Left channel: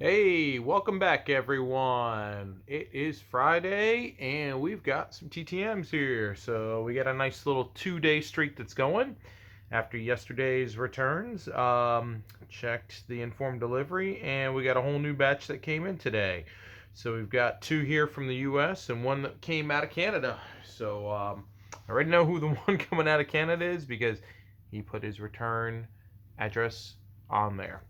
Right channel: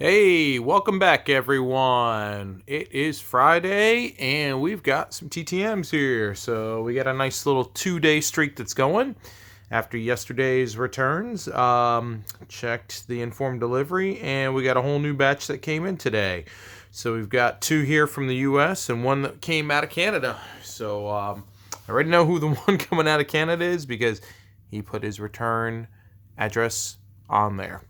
Hey, welcome back, everyone. It is Friday, and we've got some TTMs here. So we got a nice little 2-day streak that's going after yesterday's returns. Checked the informed delivery, and we got a whole new batch that came in today. So we've got two here from the U.S. and one that came out of Canada. So I already know who the one coming out of Canada is because he put his return address on there.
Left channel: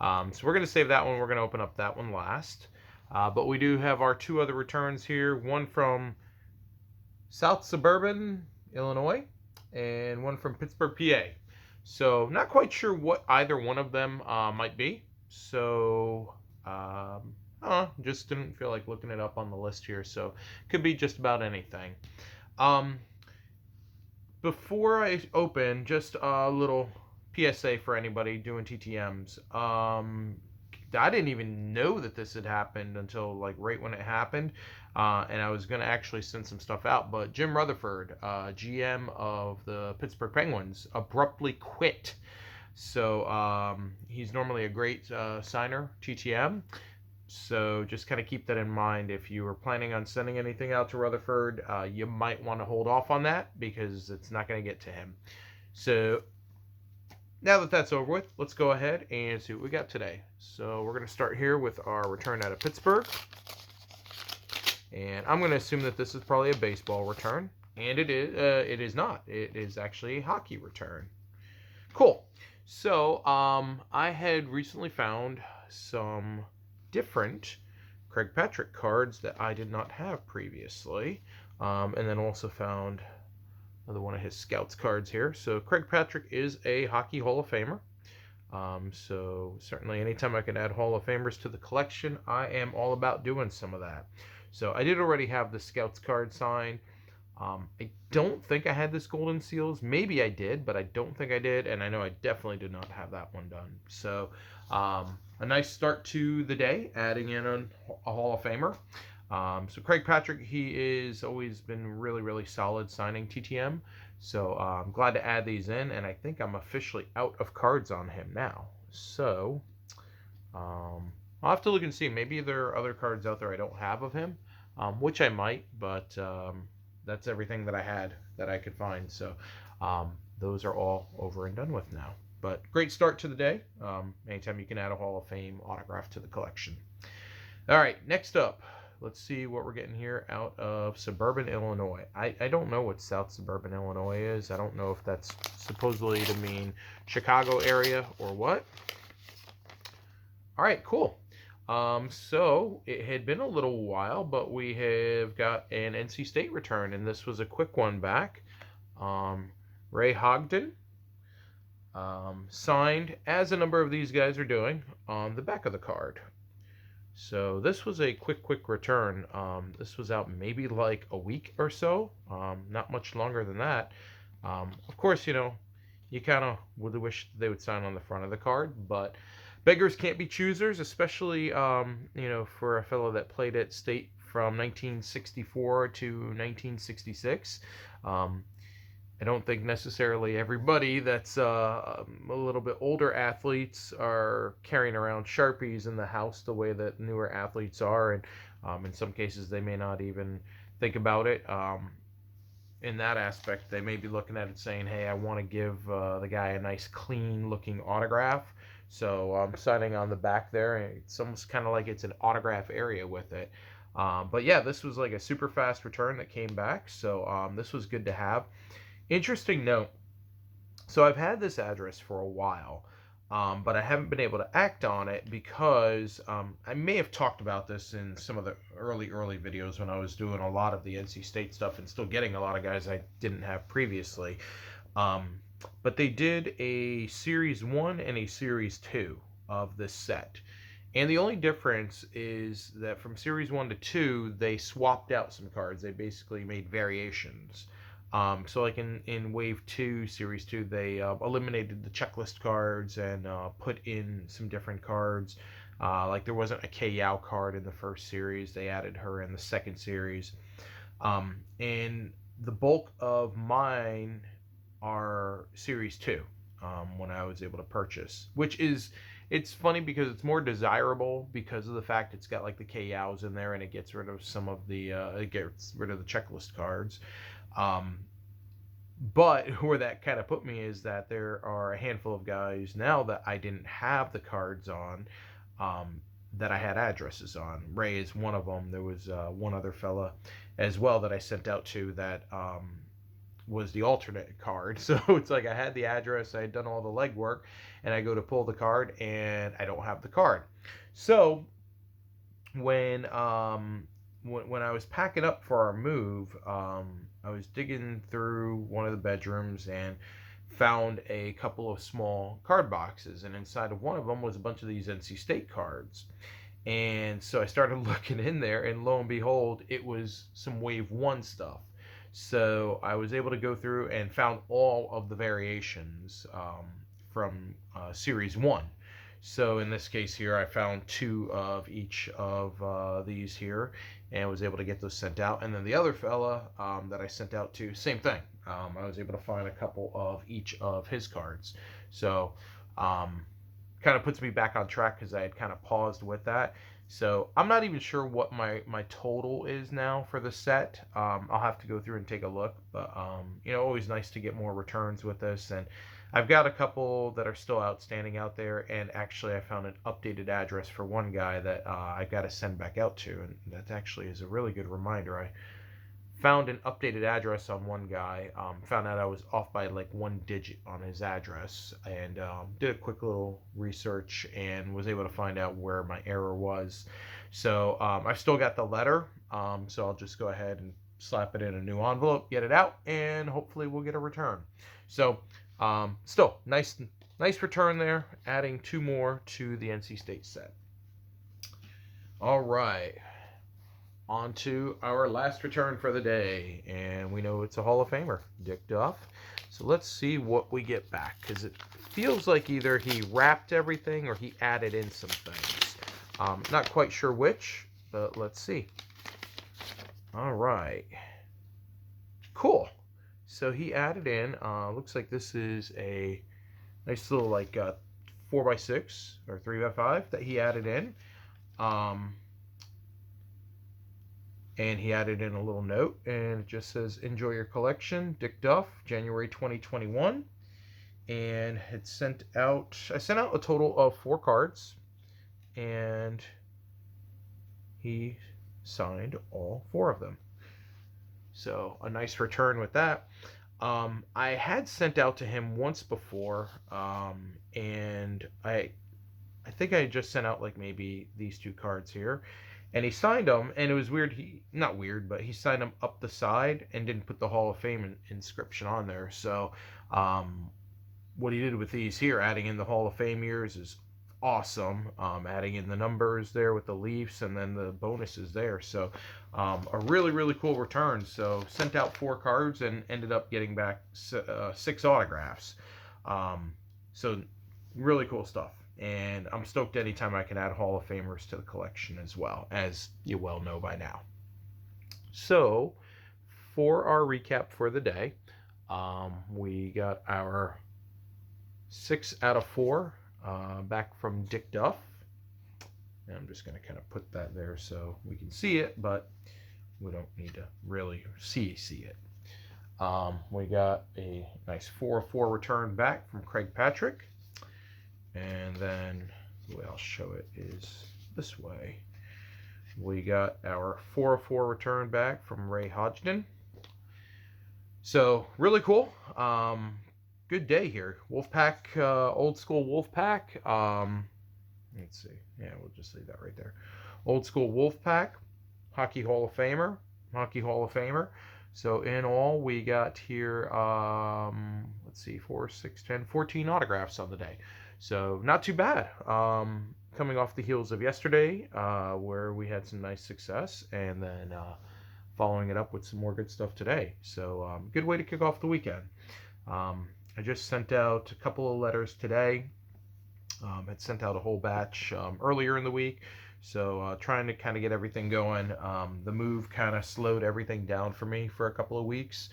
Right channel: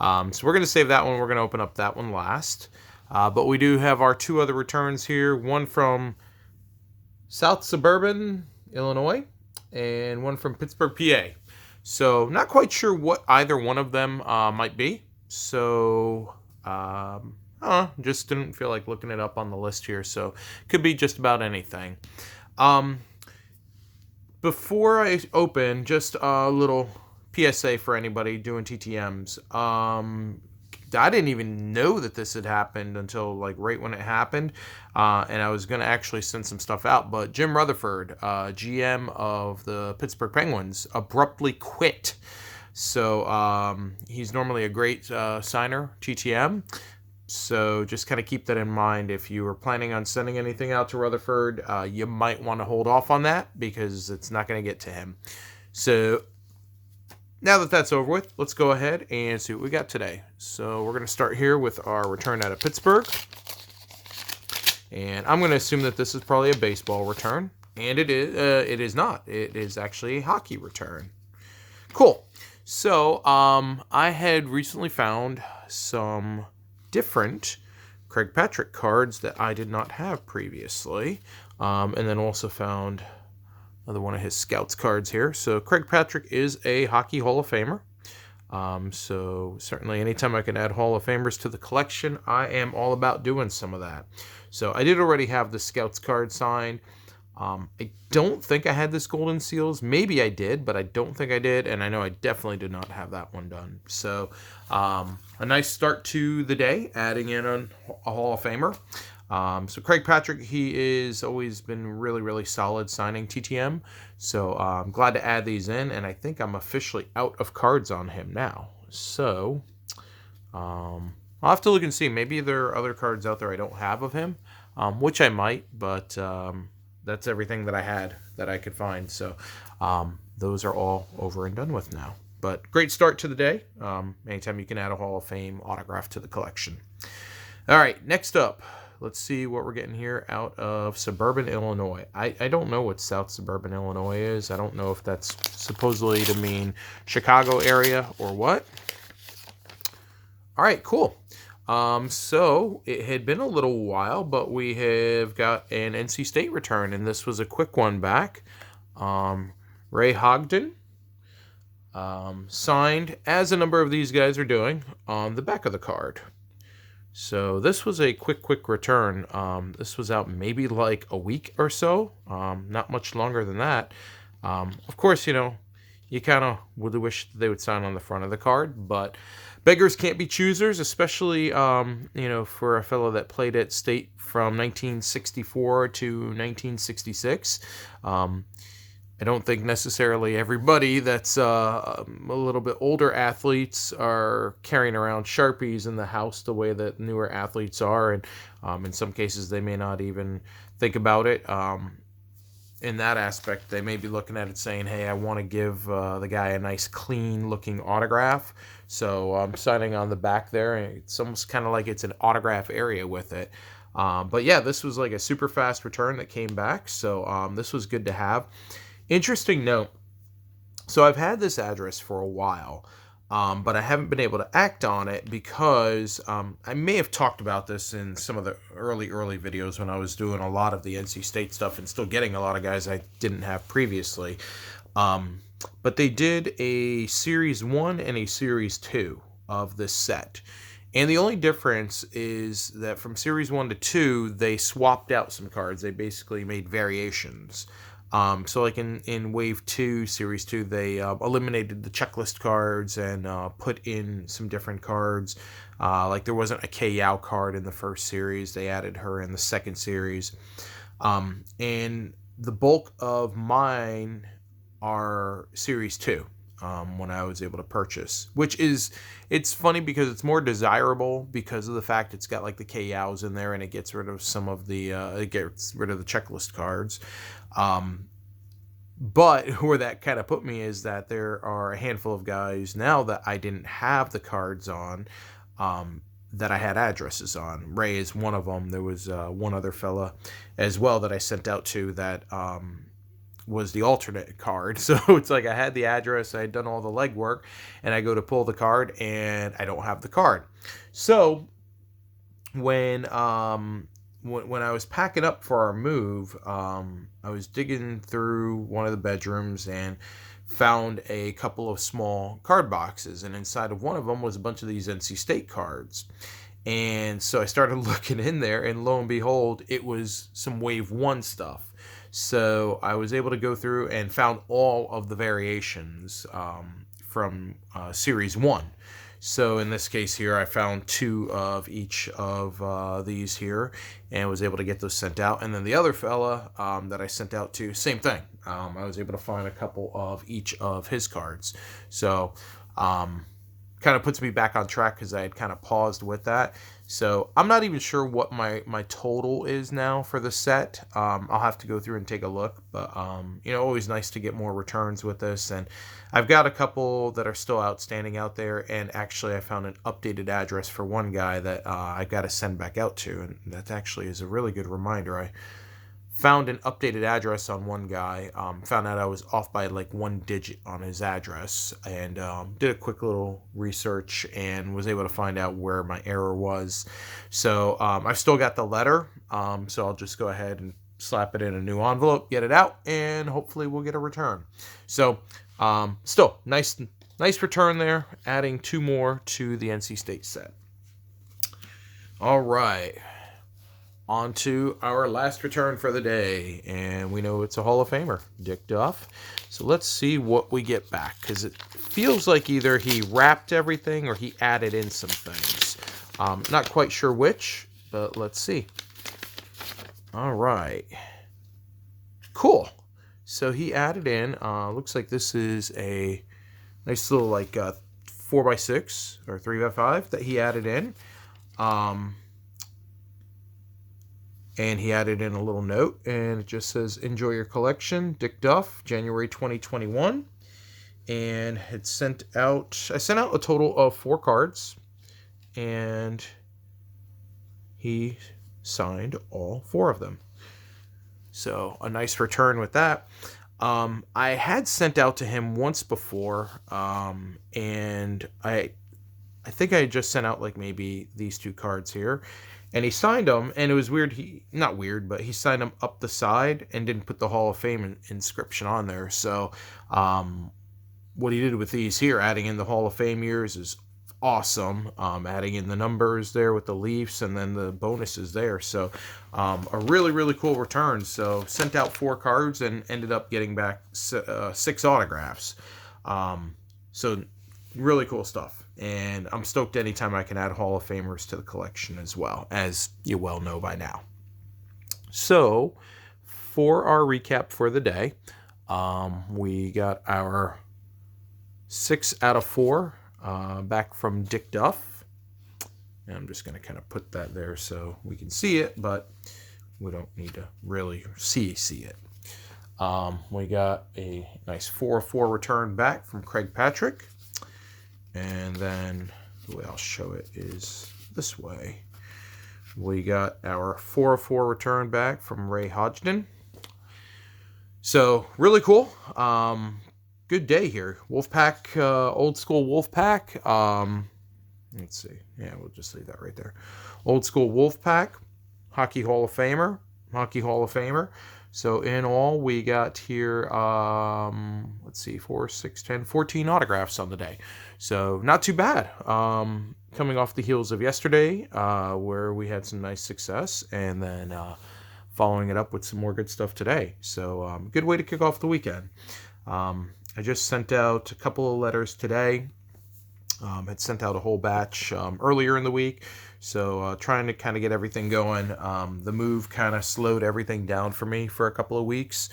So we're going to save that one. We're going to open up that one last. But we do have our two other returns here. One from South Suburban, Illinois, and one from Pittsburgh, PA. So not quite sure what either one of them might be. So just didn't feel like looking it up on the list here. So could be just about anything. Before I open, just a little PSA for anybody doing TTMs. I didn't even know that this had happened until like right when it happened, and I was going to actually send some stuff out. But Jim Rutherford, GM of the Pittsburgh Penguins, abruptly quit. So he's normally a great signer, TTM. So just kind of keep that in mind. If you were planning on sending anything out to Rutherford, you might want to hold off on that because it's not going to get to him. So now that that's over with, let's go ahead and see what we got today. So we're going to start here with our return out of Pittsburgh. And I'm going to assume that this is probably a baseball return. And it is. It is not. It is actually a hockey return. Cool. So I had recently found some different Craig Patrick cards that I did not have previously. And then also found another one of his Scouts cards here. So Craig Patrick is a Hockey Hall of Famer. So certainly anytime I can add Hall of Famers to the collection, I am all about doing some of that. So I did already have the Scouts card signed. I don't think I had this Golden Seals. Maybe I did, but I don't think I did. And I know I definitely did not have that one done. So a nice start to the day, adding in a Hall of Famer. So Craig Patrick, he is always been really, really solid signing TTM. So I'm glad to add these in, and I think I'm officially out of cards on him now. So I'll have to look and see. Maybe there are other cards out there I don't have of him, which I might, but that's everything that I had that I could find. So those are all over and done with now. But great start to the day. Anytime you can add a Hall of Fame autograph to the collection. All right, next up. Let's see what we're getting here out of Suburban, Illinois. I don't know what South Suburban, Illinois is. I don't know if that's supposedly to mean Chicago area or what. All right, cool. So it had been a little while, but we have got an NC State return, and this was a quick one back. Ray Hogden, signed, as a number of these guys are doing, on the back of the card. So this was a quick return. This was out maybe like a week or so, not much longer than that. Of course, you kind of would wish they would sign on the front of the card, but beggars can't be choosers, especially, for a fellow that played at State from 1964 to 1966. I don't think necessarily everybody that's a little bit older athletes are carrying around Sharpies in the house the way that newer athletes are. And in some cases, they may not even think about it. In that aspect, they may be looking at it saying, hey, I want to give the guy a nice, clean-looking autograph. So I'm signing on the back there. And it's almost kind of like it's an autograph area with it. But yeah, this was like a super fast return that came back. So this was good to have. Interesting note. So I've had this address for a while, but I haven't been able to act on it because I may have talked about this in some of the early videos when I was doing a lot of the NC State stuff and still getting a lot of guys I didn't have previously. But they did a Series 1 and a Series 2 of this set. And the only difference is that from Series 1 to 2, they swapped out some cards. They basically made variations. So like in Wave 2, Series 2, they eliminated the checklist cards and put in some different cards. Like there wasn't a Kei Yao card in the first series. They added her in the second series. And the bulk of mine are Series 2. when I was able to purchase, which is, it's funny because it's more desirable because of the fact it's got like the KYOWs in there, and it gets rid of some of the it gets rid of the checklist cards. But where that kind of put me is that there are a handful of guys now that I didn't have the cards on, that I had addresses on. Ray is one of them. There was one other fella as well that I sent out to that was the alternate card. So it's like I had the address, I had done all the legwork, and I go to pull the card and I don't have the card. So when I was packing up for our move, I was digging through one of the bedrooms and found a couple of small card boxes, and inside of one of them was a bunch of these NC State cards. And so I started looking in there, and lo and behold, it was some Wave 1 stuff. So I was able to go through and found all of the variations from Series 1. So in this case here, I found 2 of each of these here and was able to get those sent out. And then the other fella that I sent out to, same thing. I was able to find a couple of each of his cards. So kind of puts me back on track because I had kind of paused with that. So I'm not even sure what my total is now for the set. I'll have to go through and take a look, but you know, always nice to get more returns with this. And I've got a couple that are still outstanding out there, and actually I found an updated address for one guy that I got to send back out to, and that actually is a really good reminder. I found an updated address on one guy, found out I was off by like 1 digit on his address, and did a quick little research and was able to find out where my error was. So I've still got the letter, so I'll just go ahead and slap it in a new envelope, get it out, and hopefully we'll get a return. So still nice return there, adding 2 more to the NC State set. All right, on to our last return for the day, and we know it's a Hall of Famer, Dick Duff. So let's see what we get back, because it feels like either he wrapped everything or he added in some things. Not quite sure which, but let's see. All right, cool. So he added in, looks like this is a nice little like 4x6 or 3x5 that he added in. And he added in a little note, and it just says, "Enjoy your collection, Dick Duff, January 2021." And I sent out a total of 4 cards, and he signed all 4 of them. So a nice return with that. I had sent out to him once before, and I think I just sent out like maybe these 2 cards here. And he signed them, and it was weird. Not weird, but he signed them up the side and didn't put the Hall of Fame inscription on there. So what he did with these here, adding in the Hall of Fame years, is awesome. Adding in the numbers there with the Leafs and then the bonuses there. So a really, really cool return. So sent out 4 cards and ended up getting back 6 autographs. So really cool stuff. And I'm stoked anytime I can add Hall of Famers to the collection as well, as you well know by now. So, for our recap for the day, we got our 6 out of 4 back from Dick Duff. And I'm just going to kind of put that there so we can see it, but we don't need to really see it. We got a nice 4 of 4 return back from Craig Patrick. And then the way I'll show it is this way. We got our 4 of 4 return back from Ray Hodgson. So really cool. Good day here. Wolfpack, old school Wolfpack. Let's see. Yeah, we'll just leave that right there. Old school Wolfpack, Hockey Hall of Famer. So in all, we got here, let's see, 4, 6, 10, 14 autographs on the day. So not too bad. Coming off the heels of yesterday, where we had some nice success, and then following it up with some more good stuff today. So good way to kick off the weekend. I just sent out a couple of letters today. Had sent out a whole batch earlier in the week. So trying to kind of get everything going. The move kind of slowed everything down for me for a couple of weeks.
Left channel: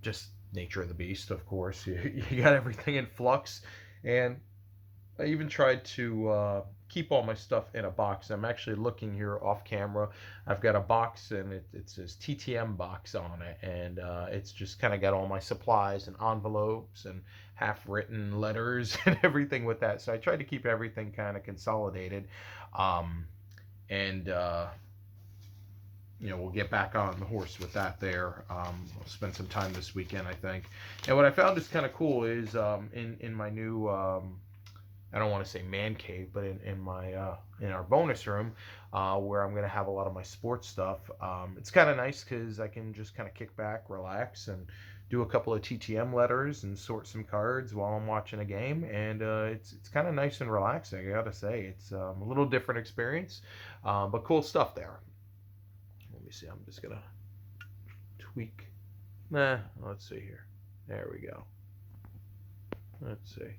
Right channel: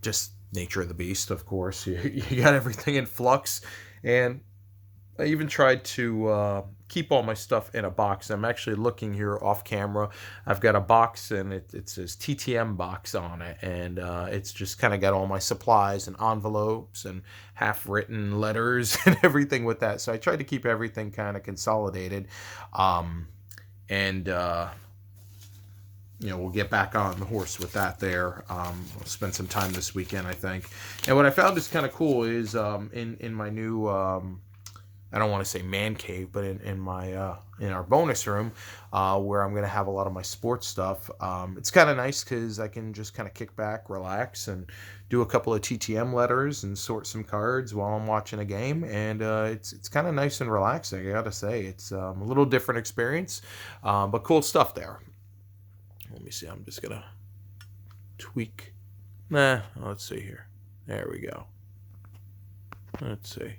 Just nature of the beast, of course. You got everything in flux. And I even tried to keep all my stuff in a box. I'm actually looking here off camera. I've got a box and it says TTM box on it. And it's just kind of got all my supplies and envelopes and half-written letters and everything with that. So I tried to keep everything kind of consolidated. Um, and we'll get back on the horse with that there. We'll spend some time this weekend, I think. And what I found is kind of cool is in my new, I don't want to say man cave, but in my in our bonus room, where I'm going to have a lot of my sports stuff. It's kind of nice because I can just kind of kick back, relax, and do a couple of TTM letters and sort some cards while I'm watching a game. And it's kind of nice and relaxing, I got to say. It's a little different experience, but cool stuff there. Let me see. I'm just going to tweak. Let's see here. There we go. Let's see.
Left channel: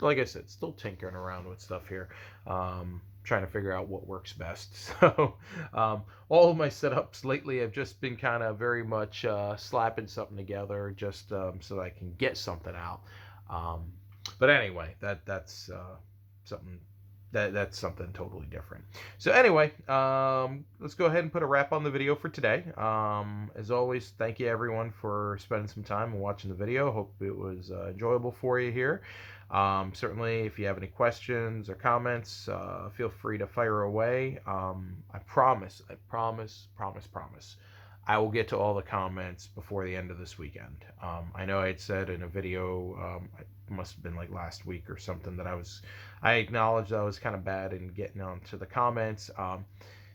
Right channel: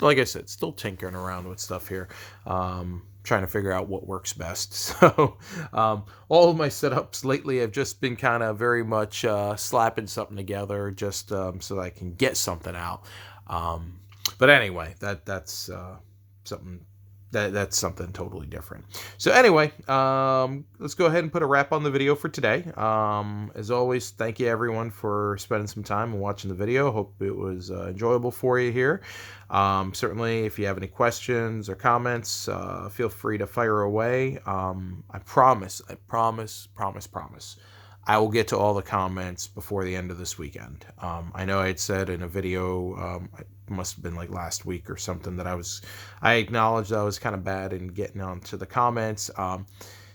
Like I said, still tinkering around with stuff here. Trying to figure out what works best. So all of my setups lately have just been kind of very much slapping something together just so that I can get something out. But anyway, that's something that's something totally different. So anyway, let's go ahead and put a wrap on the video for today. As always, thank you everyone for spending some time and watching the video. Hope it was enjoyable for you here. Certainly, if you have any questions or comments, feel free to fire away. I promise, I will get to all the comments before the end of this weekend. I know I had said in a video, it must have been like last week or something, that I acknowledged I was kind of bad in getting onto the comments.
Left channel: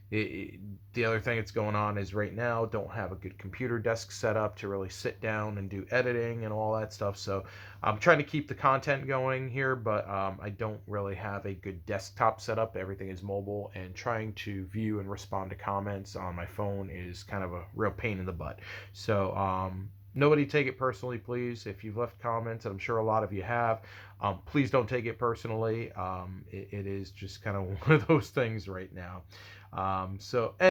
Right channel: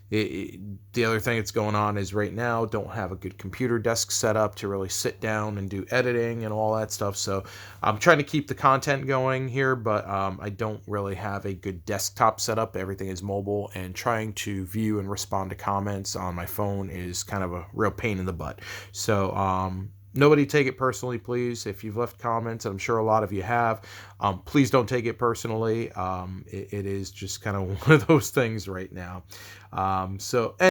The other thing that's going on is right now don't have a good computer desk set up to really sit down and do editing and all that stuff. So I'm trying to keep the content going here, but I don't really have a good desktop setup. Everything is mobile, and trying to view and respond to comments on my phone is kind of a real pain in the butt. So nobody take it personally, please. If you've left comments, and I'm sure a lot of you have, please don't take it personally. It is just kind of one of those things right now. So